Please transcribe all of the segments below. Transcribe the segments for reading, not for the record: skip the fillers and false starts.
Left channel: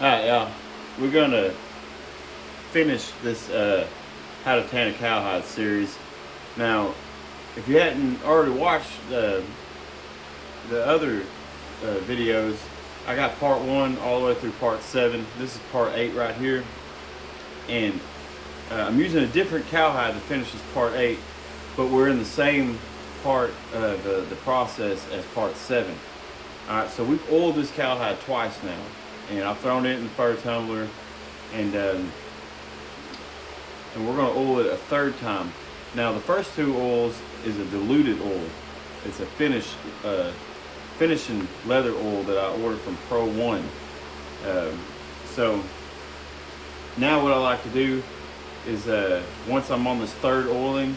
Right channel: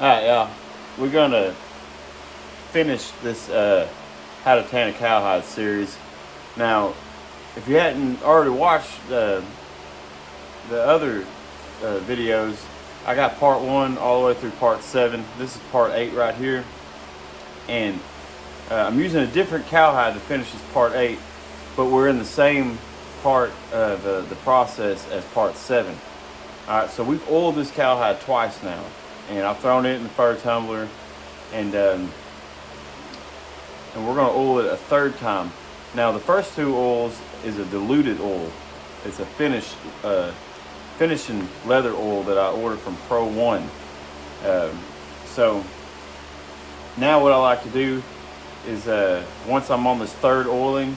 All right, y'all. We're gonna finish this how to tan a cowhide series. Now, if you hadn't already watched the other videos, I got part 1 all the way through part 7. This is part 8 right here, and I'm using a different cowhide to finish this part 8, but we're in the same part the process as part 7. All right, so we've oiled this cowhide twice now, and I've thrown it in the fur tumbler, and we're gonna oil it a third time. Now the first 2 oils is a diluted oil. It's a finishing leather oil that I ordered from Pro One. So now what I like to do is once I'm on this third oiling,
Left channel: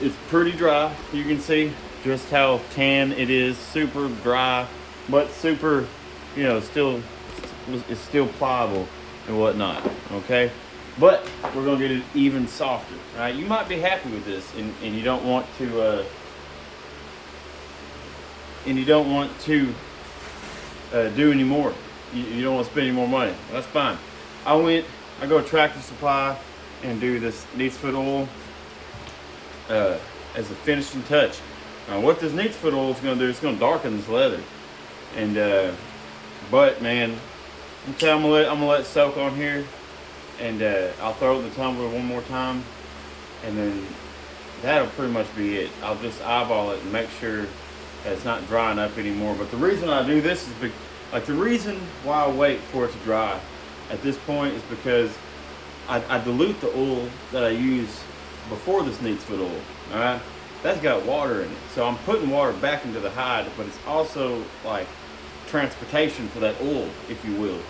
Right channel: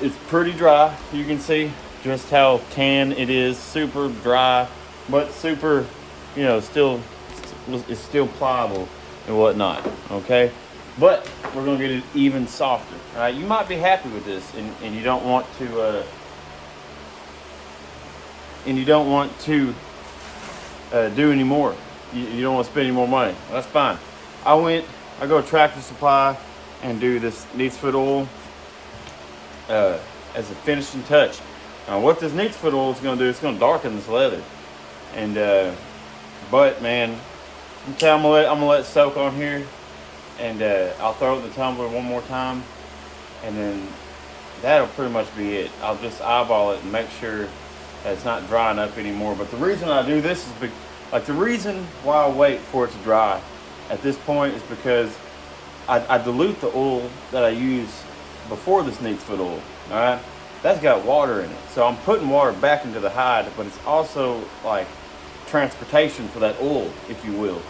it's pretty dry. You can see just how tan it is, super dry, but super, still, it's still pliable and whatnot, okay? But we're gonna get it even softer, right? You might be happy with this, and you don't want to, do any more. You don't want to spend any more money. That's fine. I go to Tractor Supply and do this neat's foot oil as a finishing touch. Now, what this neat's foot oil is going to do, it's going to darken this leather. And but man, I'm gonna let it soak on here, and I'll throw it in the tumbler one more time, and then that'll pretty much be it. I'll just eyeball it and make sure that it's not drying up anymore. But the reason I do this is the reason why I wait for it to dry at this point is because I dilute the oil that I use before this neat's foot oil. All right, that's got water in it, so I'm putting water back into the hide, but it's also like transportation for that oil, if you will,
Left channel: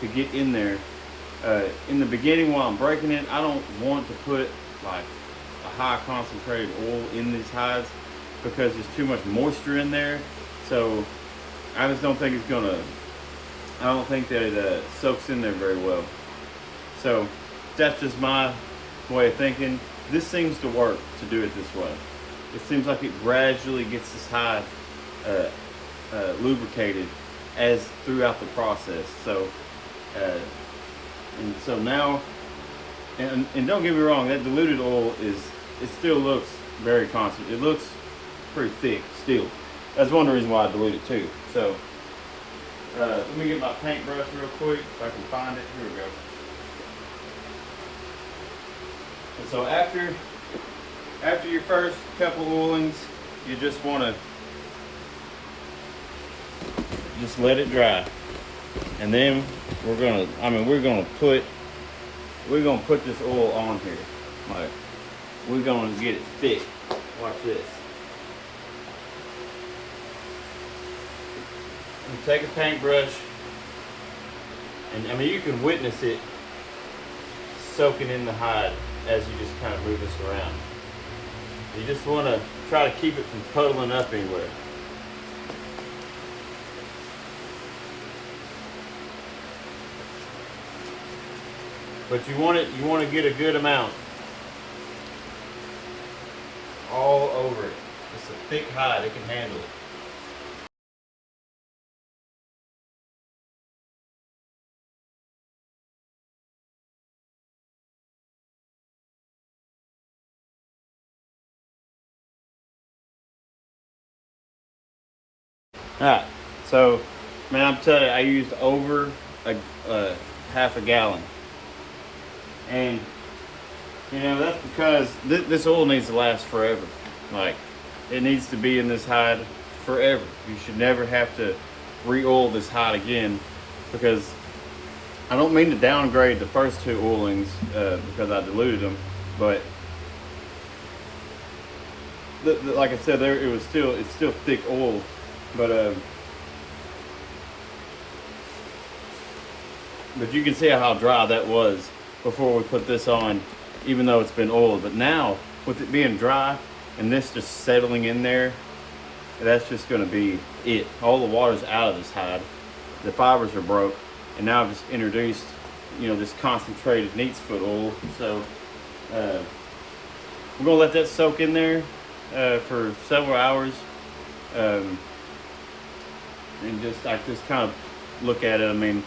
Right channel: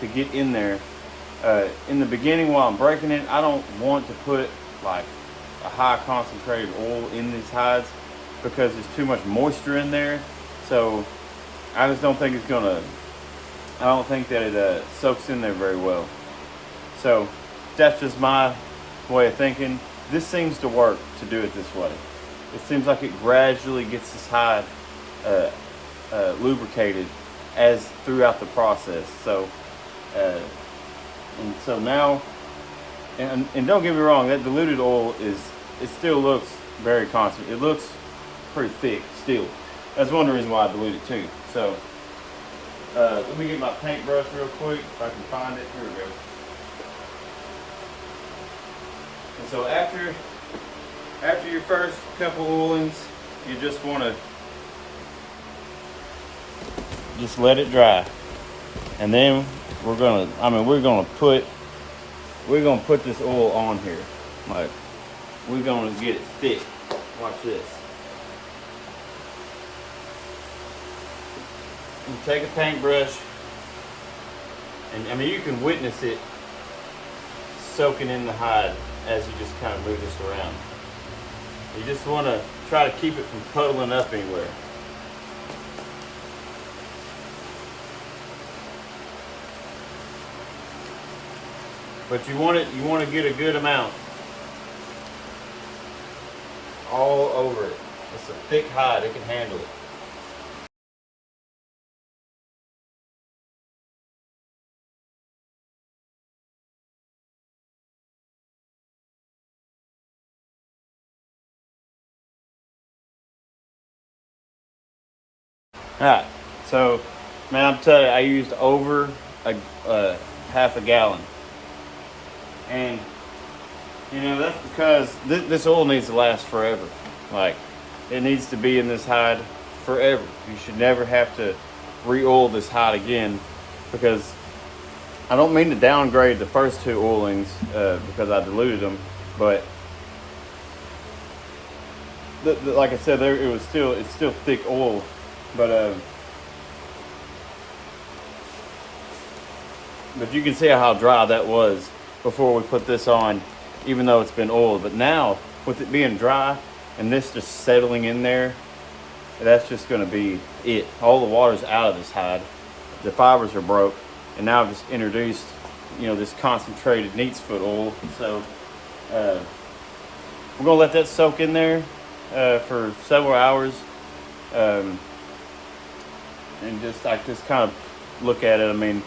to get in there. In the beginning, while I'm breaking it, I don't want to put like a high concentrated oil in these hides because there's too much moisture in there. So I just don't think I don't think that it soaks in there very well. So that's just my way of thinking. This seems to work to do it this way. It seems like it gradually gets this hide lubricated as throughout the process. So and so now, and don't get me wrong, that diluted oil it still looks very constant. It looks pretty thick still. That's one of the reasons why I dilute it too. So let me get my paintbrush real quick if I can find it. Here we go. And so after your first couple oilings, you just want to just let it dry, and then we're gonna put this oil on here. Like, we're gonna get it thick. Watch this. You take a paintbrush, and you can witness it soaking in the hide as you just kind of move this around. You just want to try to keep it from puddling up anywhere. But you want to get a good amount all over it. It's a thick hide, it can handle it. Alright, so man, I'm telling you, I used over a half a gallon. And that's because this oil needs to last forever. Like, it needs to be in this hide forever. You should never have to re-oil this hide again, because I don't mean to downgrade the first 2 oilings because I diluted them, but like I said, it's still thick oil. But you can see how dry that was before we put this on, even though it's been oiled. But now, with it being dry and this just settling in there, that's just going to be it. All the water's out of this hide. The fibers are broke, and now I've just introduced, this concentrated neat's foot oil. So we're going to let that soak in there for several hours. And just kind of look at it.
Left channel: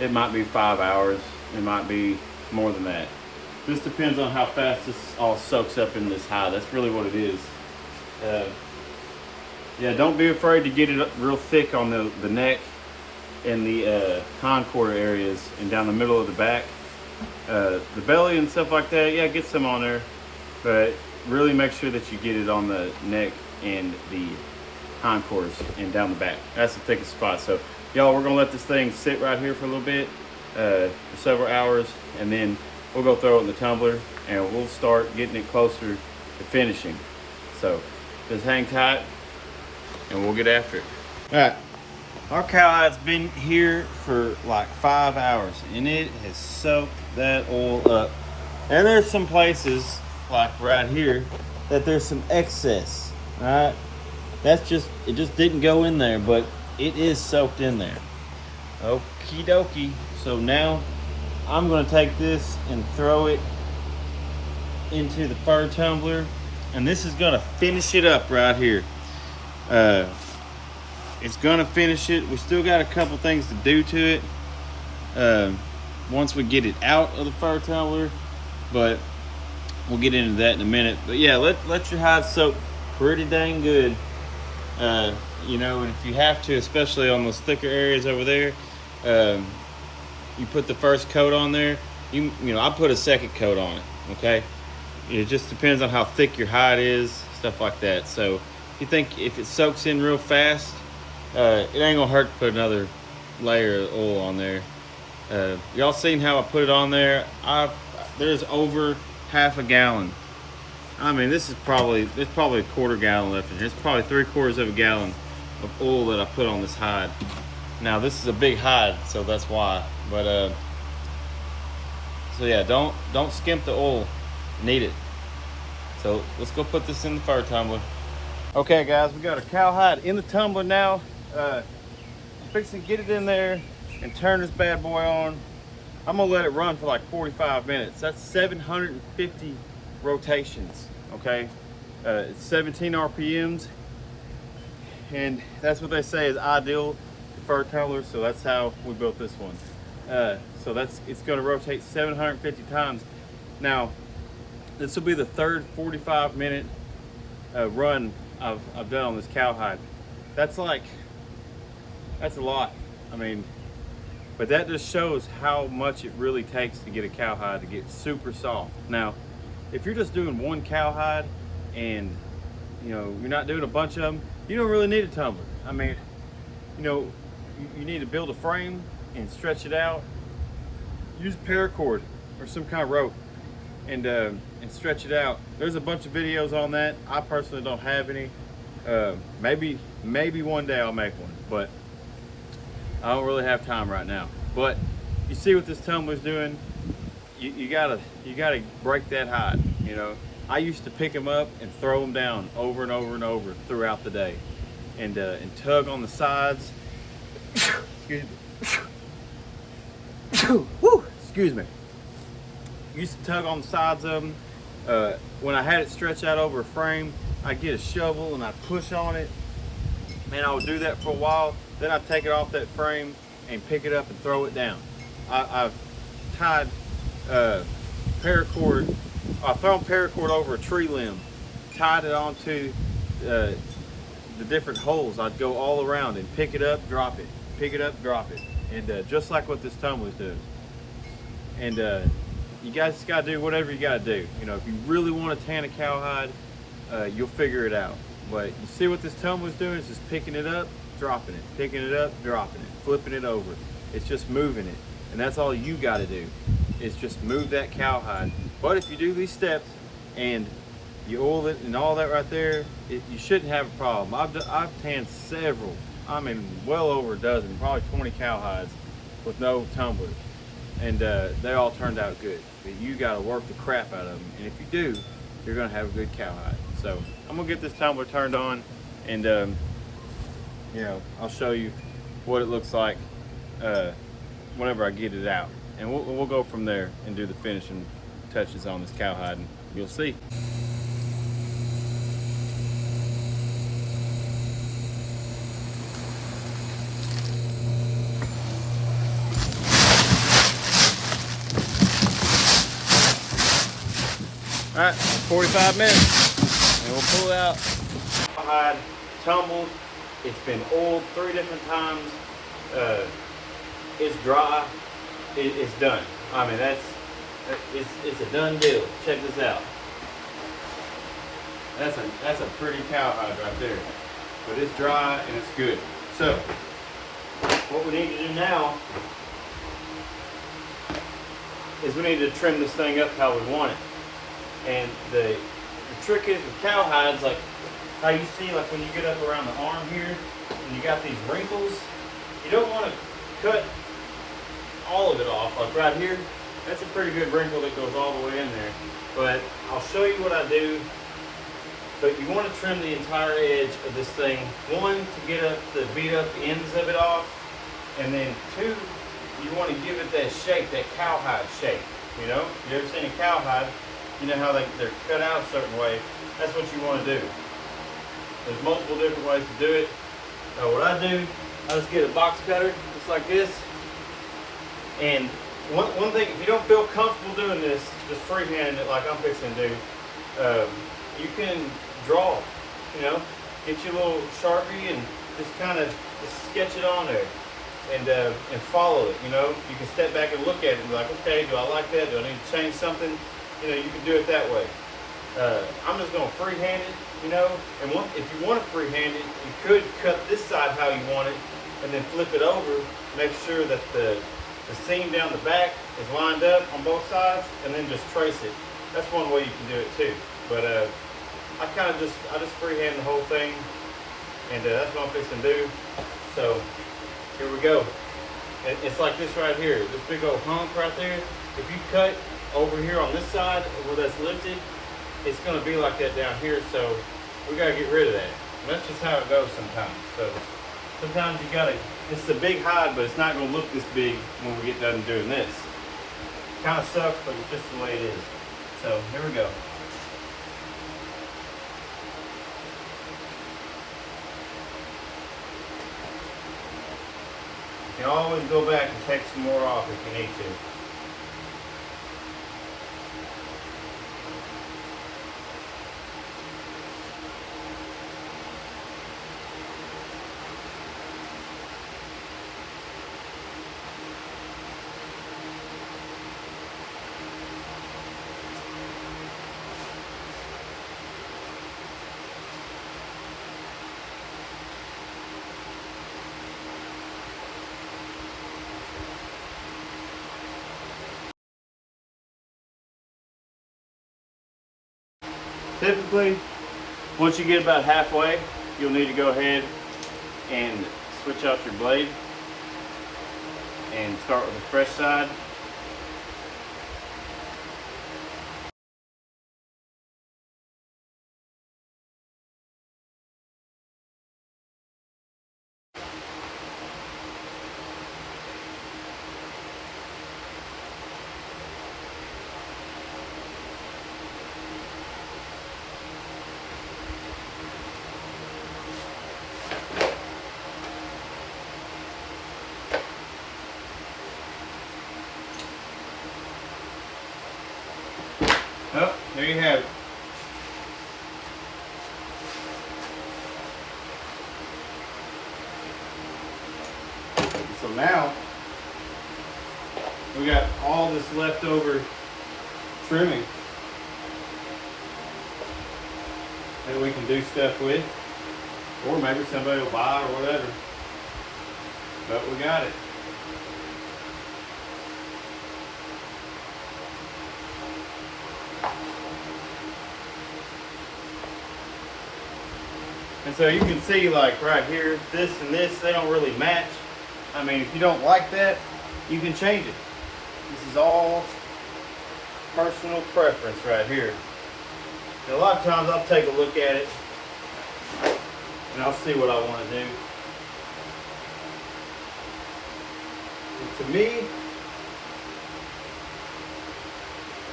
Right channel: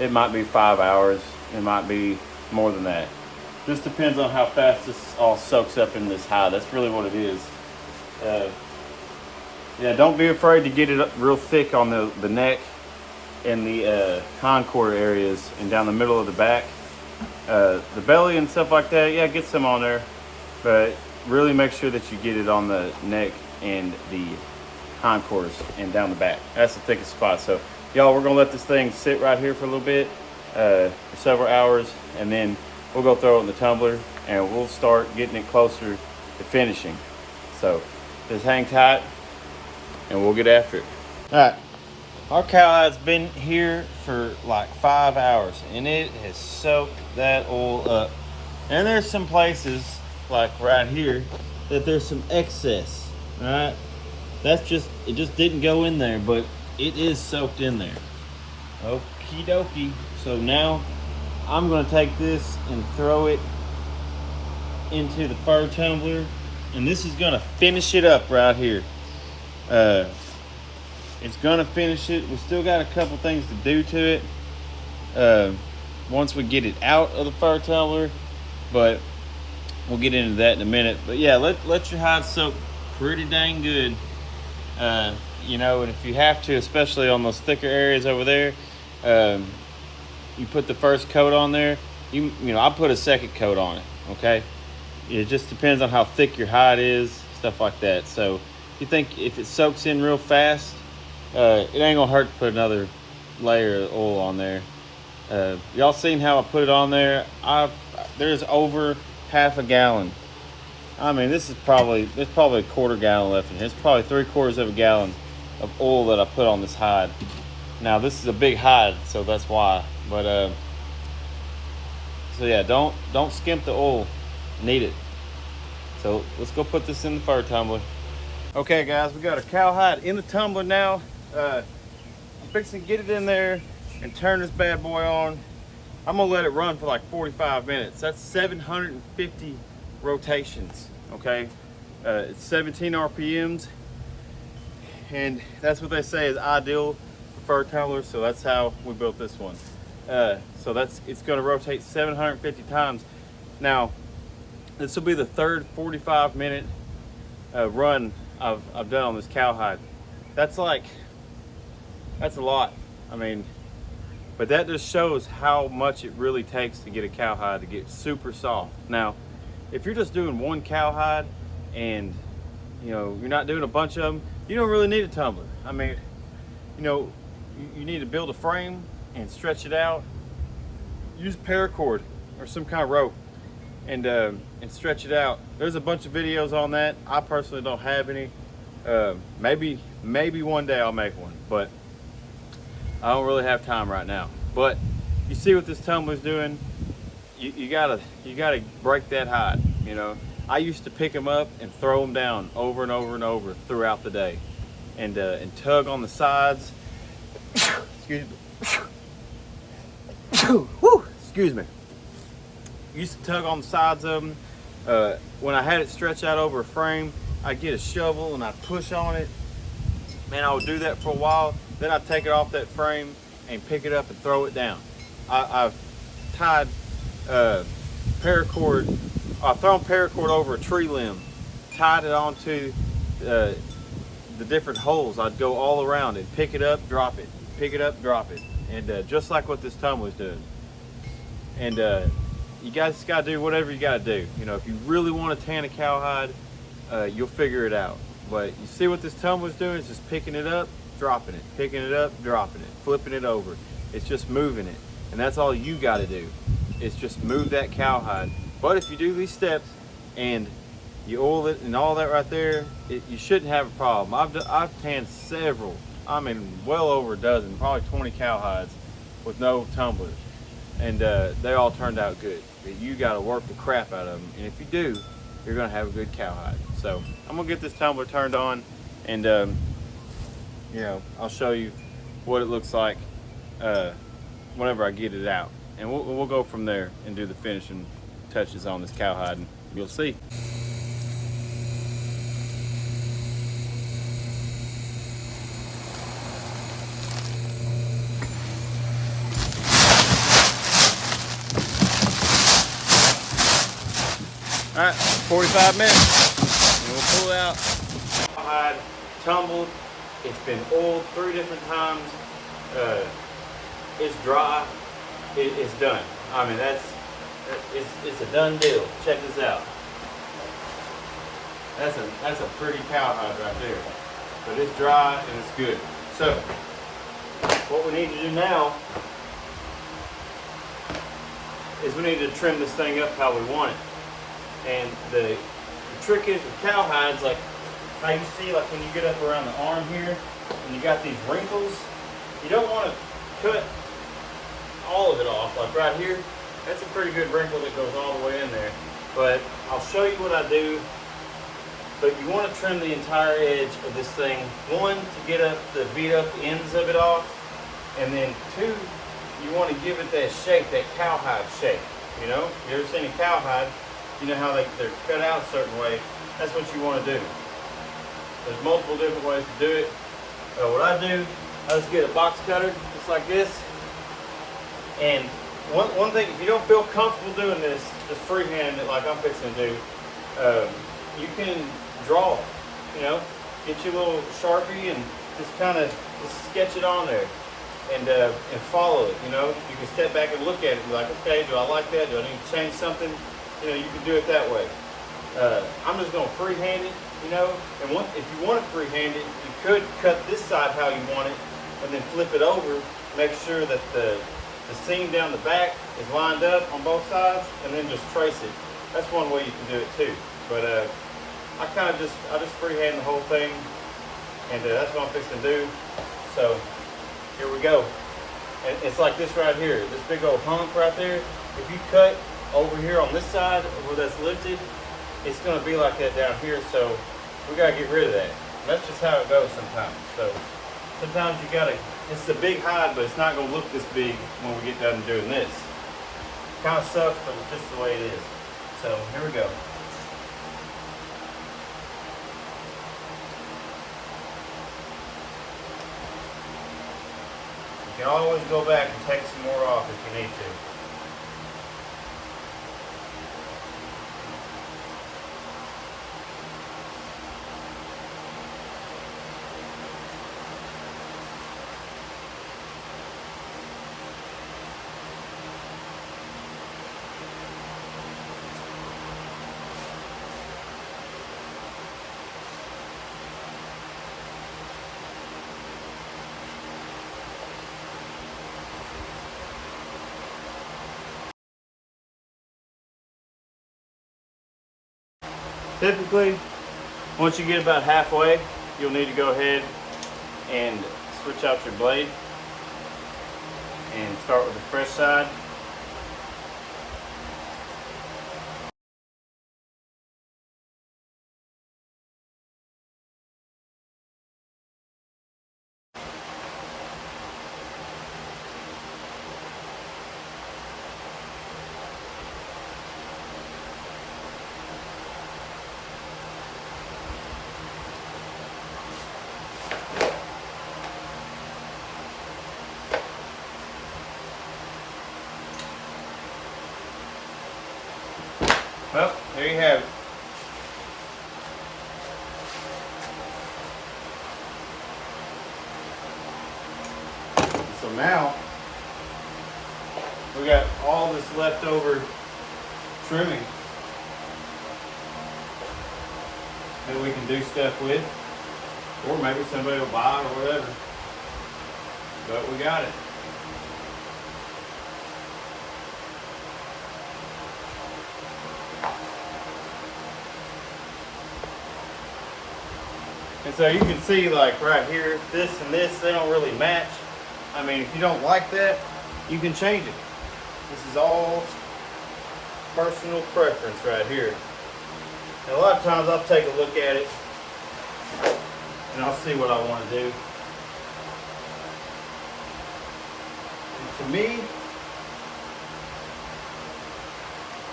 it might be 5 hours. It might be more than that. Just depends on how fast this all soaks up in this hide. That's really what it is. Yeah, don't be afraid to get it up real thick on the neck and the concord areas and down the middle of the back. The belly and stuff like that, yeah, get some on there, but really make sure that you get it on the neck and the concords and down the back. That's the thickest spot. So y'all, we're gonna let this thing sit right here for a little bit, for several hours, and then we'll go throw it in the tumbler and we'll start getting it closer to finishing. So just hang tight and we'll get after it. All right, our cowhide's been here for like 5 hours and it has soaked that oil up. And there's some places like right here that there's some excess, right? That's just, it just didn't go in there, but it is soaked in there. Okie dokie. So now I'm gonna take this and throw it into the fur tumbler, and this is gonna finish it up right here. It's gonna finish it. We still got a couple things to do to it once we get it out of the fur tumbler, but we'll get into that in a minute. But yeah, let your hide soak pretty dang good. You know, and if you have to, especially on those thicker areas over there, you put the first coat on there. You know, I put a second coat on it. Okay, it just depends on how thick your hide is, stuff like that. So you think if it soaks in real fast, it ain't gonna hurt to put another layer of oil on there. Y'all seen how I put it on there? There's over half a gallon. I mean, there's probably a quarter gallon left in here. It's probably 3/4 of a gallon of oil that I put on this hide. Now this is a big hide, so that's why. But so yeah, don't skimp the oil. Need it. So let's go put this in the fur tumbler. Okay guys, we got our cowhide in the tumbler now. I'm fixing to get it in there and turn this bad boy on. I'm gonna let it run for like 45 minutes. That's 750 rotations, okay? It's 17 RPMs, and that's what they say is ideal for fur tumblers, so that's how we built this one. So it's gonna rotate 750 times. Now, this will be the third 45-minute run I've done on this cowhide. That's a lot. I mean, but that just shows how much it really takes to get a cowhide to get super soft. Now, if you're just doing one cowhide and you know you're not doing a bunch of them, you don't really need a tumbler. I mean, you know, you need to build a frame and stretch it out. Use paracord or some kind of rope and stretch it out. There's a bunch of videos on that. I personally don't have any. Maybe one day I'll make one, but I don't really have time right now. But you see what this tumbler's doing? You gotta break that hide. You know, I used to pick them up and throw them down over and over and over throughout the day, and tug on the sides. Excuse me. Whew, excuse me. Used to tug on the sides of them. When I had it stretched out over a frame, I'd get a shovel and I'd push on it. Man, I would do that for a while. Then I'd take it off that frame and pick it up and throw it down. I've tied paracord. I've thrown paracord over a tree limb, tied it onto the different holes. I'd go all around and pick it up, drop it, pick it up, drop it, and just like what this tumbler does. And you guys gotta do whatever you gotta do. You know, if you really want to tan a cowhide, you'll figure it out. But you see what this tumbler's doing is just picking it up, dropping it, picking it up, dropping it, flipping it over. It's just moving it. And that's all you gotta do, is just move that cowhide. But if you do these steps and you oil it and all that right there, you shouldn't have a problem. I've tanned several, I mean well over a dozen, probably 20 cowhides with no tumblers. And they all turned out good. But you gotta work the crap out of them. And if you do, you're gonna have a good cowhide. So I'm gonna get this tumbler turned on, and you know, I'll show you what it looks like whenever I get it out, and we'll go from there and do the finishing touches on this cowhide, and you'll see. right, 45 minutes, and we'll pull it out. Cowhide tumbled. It's been oiled 3 different times. It's dry. It's done. I mean, it's a done deal. Check this out. That's a pretty cowhide right there. But it's dry and it's good. So what we need to do now is we need to trim this thing up how we want it. And the trick is with cowhides, like how you see, like when you get up around the arm here and you got these wrinkles, you don't want to cut all of it off. Like right here, that's a pretty good wrinkle that goes all the way in there. But I'll show you what I do. But you want to trim the entire edge of this thing. 1, to get up the beat up the ends of it off, and then 2, you want to give it that shape, that cowhide shape. You know, you ever seen a cowhide? You know how they're cut out a certain way. That's what you want to do. There's multiple different ways to do it. What I do, I just get a box cutter, just like this. And one thing, if you don't feel comfortable doing this, just freehand it like I'm fixing to do. You can draw, you know, get your little Sharpie and just kind of sketch it on there and follow it, you know. You can step back and look at it and be like, okay, do I like that? Do I need to change something? You know, you can do it that way. I'm just going to freehand it, you know, and if you want to freehand it, you could cut this side how you want it and then flip it over, make sure that the seam down the back is lined up on both sides, and then just trace it. That's one way you can do it too. But I just freehand the whole thing, and that's what I'm fixing to do. So here we go. And it's like this right here, this big old hump right there. If you cut over here on this side where that's lifted, it's going to be like that down here. So we got to get rid of that. And that's just how it goes sometimes. So sometimes you got to. It's a big hide, but it's not going to look this big when we get done doing this. Kind of sucks, but it's just the way it is. So here we go. You can always go back and take some more off if you need to. Typically, once you get about halfway, you'll need to go ahead and switch out your blade and start with the fresh side. Well, there you have it. So now we got all this leftover trimming that we can do stuff with, or maybe somebody will buy it or whatever. But we got it. And so you can see, like right here, this and this, they don't really match. I mean, if you don't like that, you can change it. This is all personal preference right here. And a lot of times I'll take a look at it and I'll see what I want to do. And to me,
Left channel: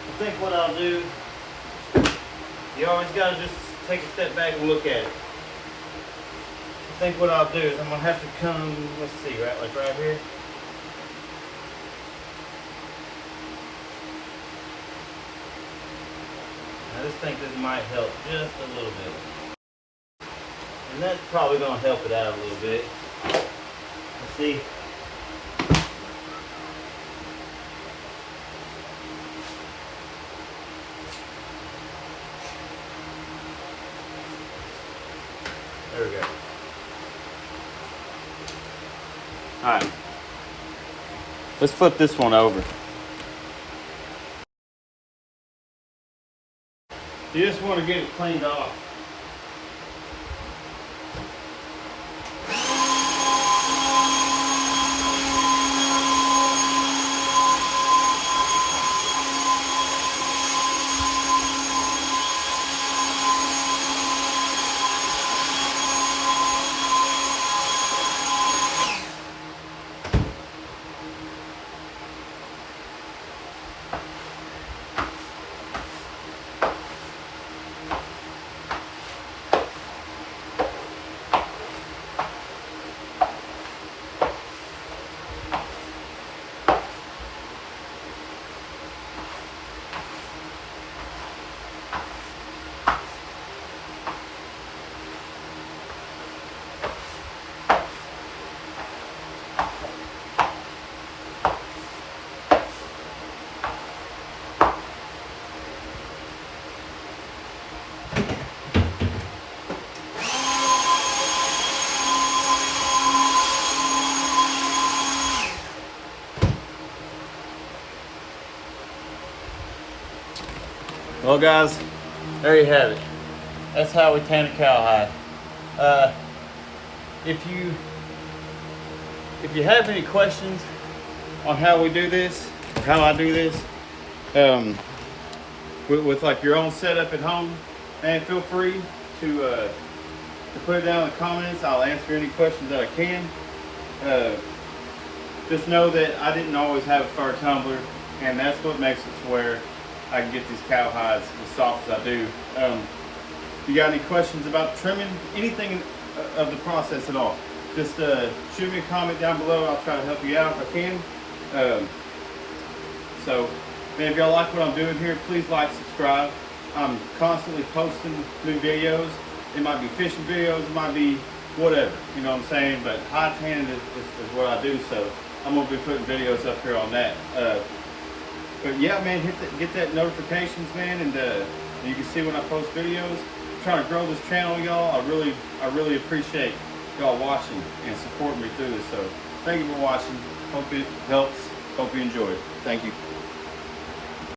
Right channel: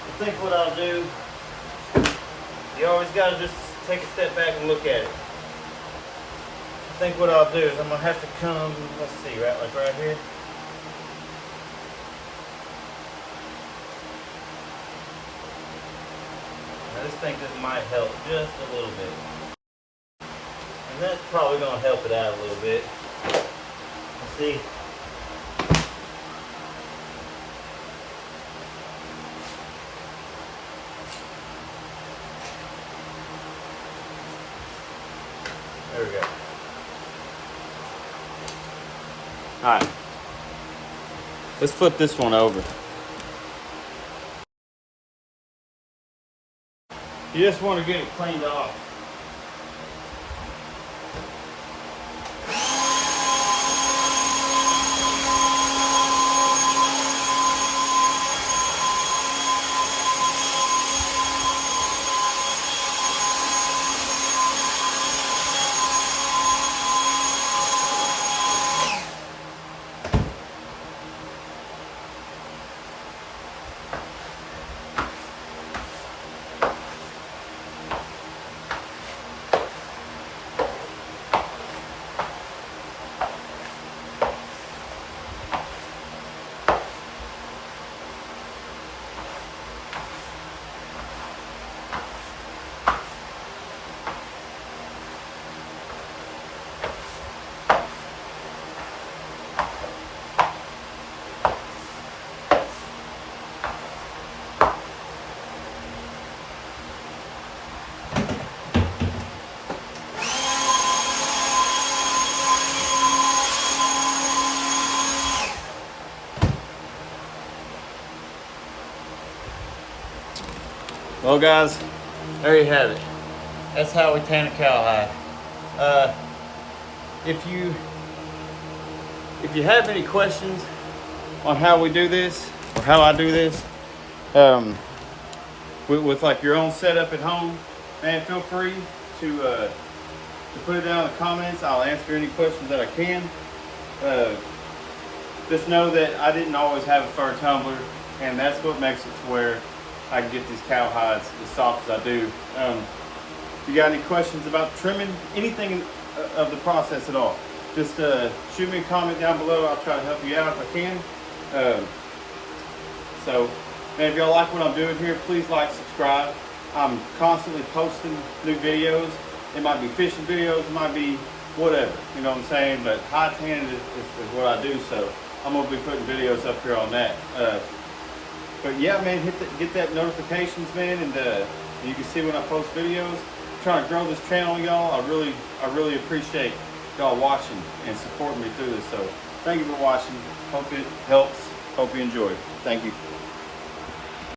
I think what I'll do, you always got to just take a step back and look at it. I think what I'll do is I'm going to have to come, let's see, right, like right here. Now just think this might help just a little bit. And that's probably gonna help it out a little bit. Let's see. There we go. All right. Let's flip this one over. You just want to get it cleaned off. Well guys, there you have it. That's how we tan a cowhide. If you have any questions on how we do this, or how I do this, with like your own setup at home, man, feel free to put it down in the comments. I'll answer any questions that I can. Just know that I didn't always have a fur tumbler, and that's what makes it to where I can get these cowhides as soft as I do. If you got any questions about trimming, anything of the process at all, just shoot me a comment down below. I'll try to help you out if I can. So, man, if y'all like what I'm doing here, please like, subscribe. I'm constantly posting new videos. It might be fishing videos, it might be whatever, you know what I'm saying? But hide tanning is what I do, so I'm gonna be putting videos up here on that. But yeah, man, get that notifications, man, and you can see when I post videos. I'm trying to grow this channel, y'all. I really appreciate y'all watching and supporting me through this. So thank you for watching. Hope it helps. Hope you enjoy it. Thank you.